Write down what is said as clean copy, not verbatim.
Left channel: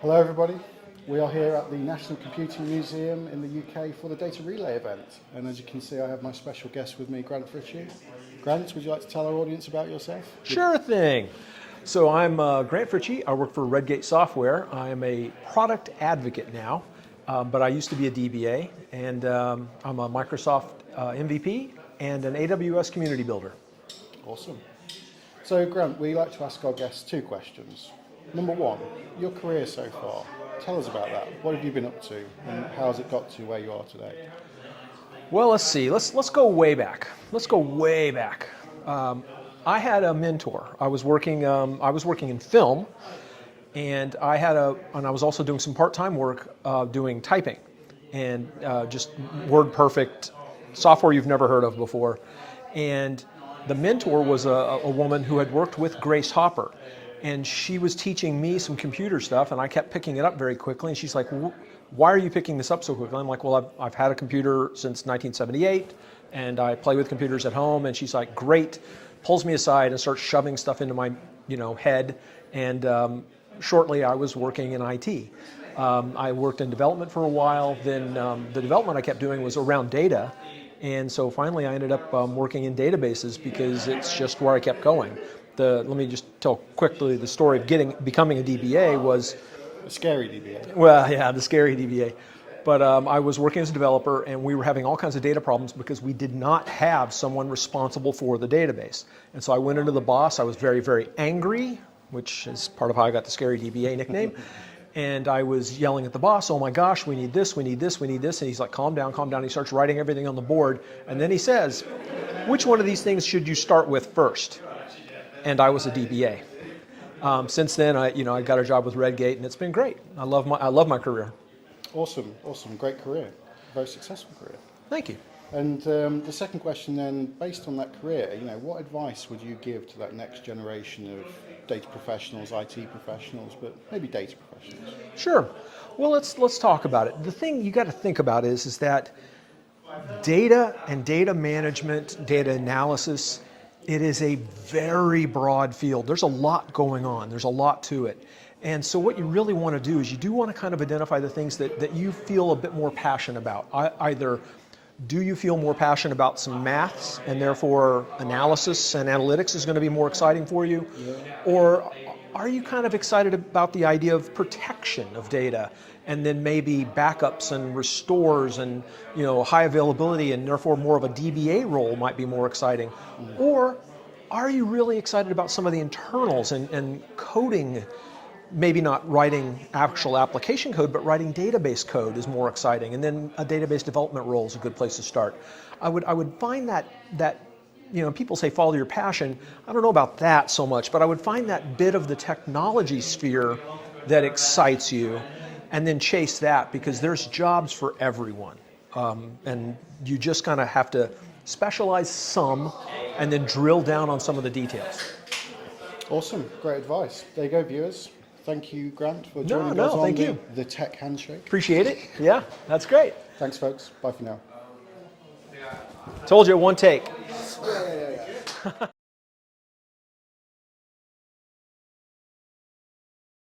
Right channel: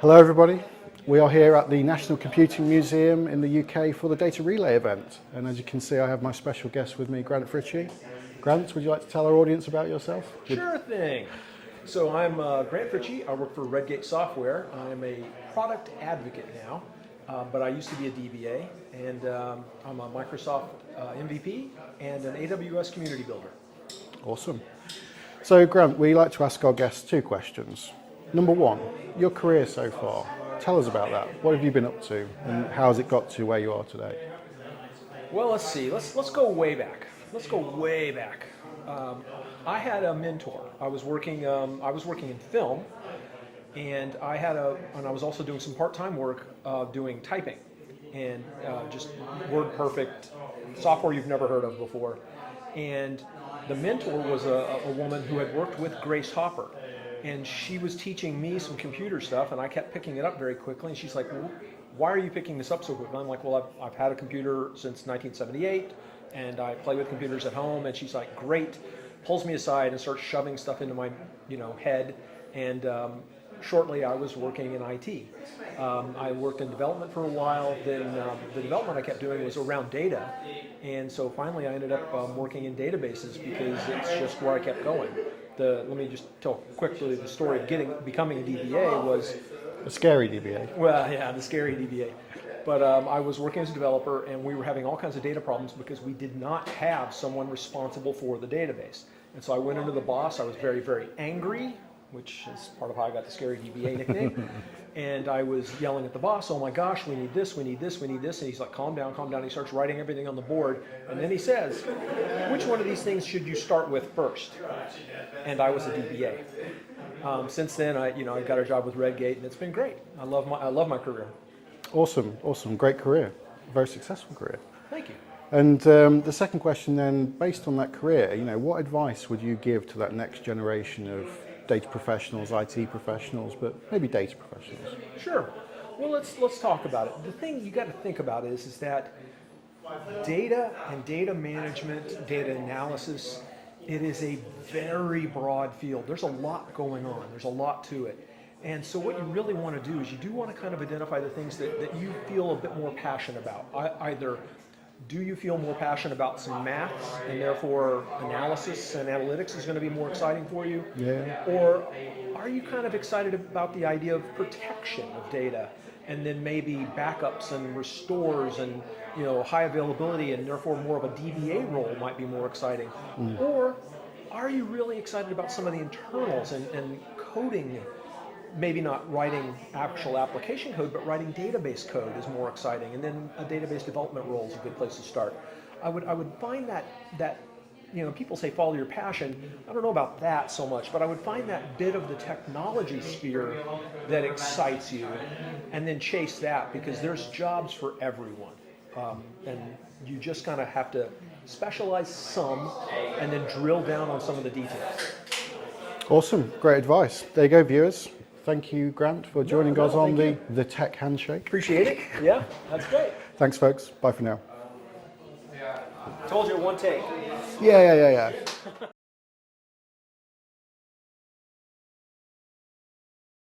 Hello everybody, we are here at the National Computing Museum in the UK for the Data Relay event, and as you can see I have my special guest with me, Grant Fritchey. Grant, would you like to tell our audience about yourself? Sure thing. So I'm Grant Fritchey. I work for Redgate Software. I'm a product advocate now, but I used to be a DBA, and I'm a Microsoft MVP and an AWS community builder. Awesome. So Grant, we like to ask our guests two questions. Number one, your career so far. Tell us about that. What have you been up to and how has it got to where you are today? Well, let's see. Let's go way back. Let's go way back. I had a mentor. I was working in film, and I was also doing some part-time work doing typing, and just WordPerfect software you've never heard of before. And the mentor was a woman who had worked with Grace Hopper, and she was teaching me some computer stuff, and I kept picking it up very quickly. And she's like, "Why are you picking this up so quickly?" I'm like, "Well, I've had a computer since 1978, and I play with computers at home." And she's like, "Great." Pulls me aside and starts shoving stuff into my head. And shortly I was working in IT. I worked in development for a while. Then the development I kept doing was around data. And so finally I ended up working in databases because it's just where I kept going. Let me just tell quickly the story of becoming a DBA was... A scary DBA. Well, yeah, the scary DBA. But I was working as a developer, and we were having all kinds of data problems because we did not have someone responsible for the database. And so I went into the boss. I was very, very angry, which is part of how I got the scary DBA nickname. And I was yelling at the boss, "Oh my gosh, we need this, we need this, we need this." And he's like, "Calm down, calm down." He starts writing everything on the board. And then he says, "Which one of these things should you start with first?" And I was a DBA. Since then, I got a job with Redgate, and it's been great. I love my career. Awesome, awesome, great career, very successful career. Thank you. And the second question then, based on that career, what advice would you give to that next generation of data professionals, IT professionals, but maybe data professionals? Sure. Well, let's talk about it. The thing you got to think about is that data and data management, data analysis, it is a very broad field. There's a lot going on. There's a lot to it. And so what you really want to do is you do want to kind of identify the things that you feel a bit more passionate about. Either do you feel more passionate about some maths and therefore analysis and analytics is going to be more exciting for you? Yeah. Or are you kind of excited about the idea of protection of data and then maybe backups and restores and high availability and therefore more of a DBA role might be more exciting? Or are you really excited about some of the internals and coding? Maybe not writing actual application code, but writing database code is more exciting. And then a database development role is a good place to start. I would find that people say follow your passion. I don't know about that so much, but I would find that bit of the technology sphere that excites you and then chase that, because there's jobs for everyone. And you just kind of have to specialize some and then drill down on some of the details. Awesome, great advice. There you go, viewers. Thank you, Grant, for joining us on the Tech Handshake. Appreciate it. Yeah, that's great. Thanks, folks. Bye for now. Told you, one take. Yeah.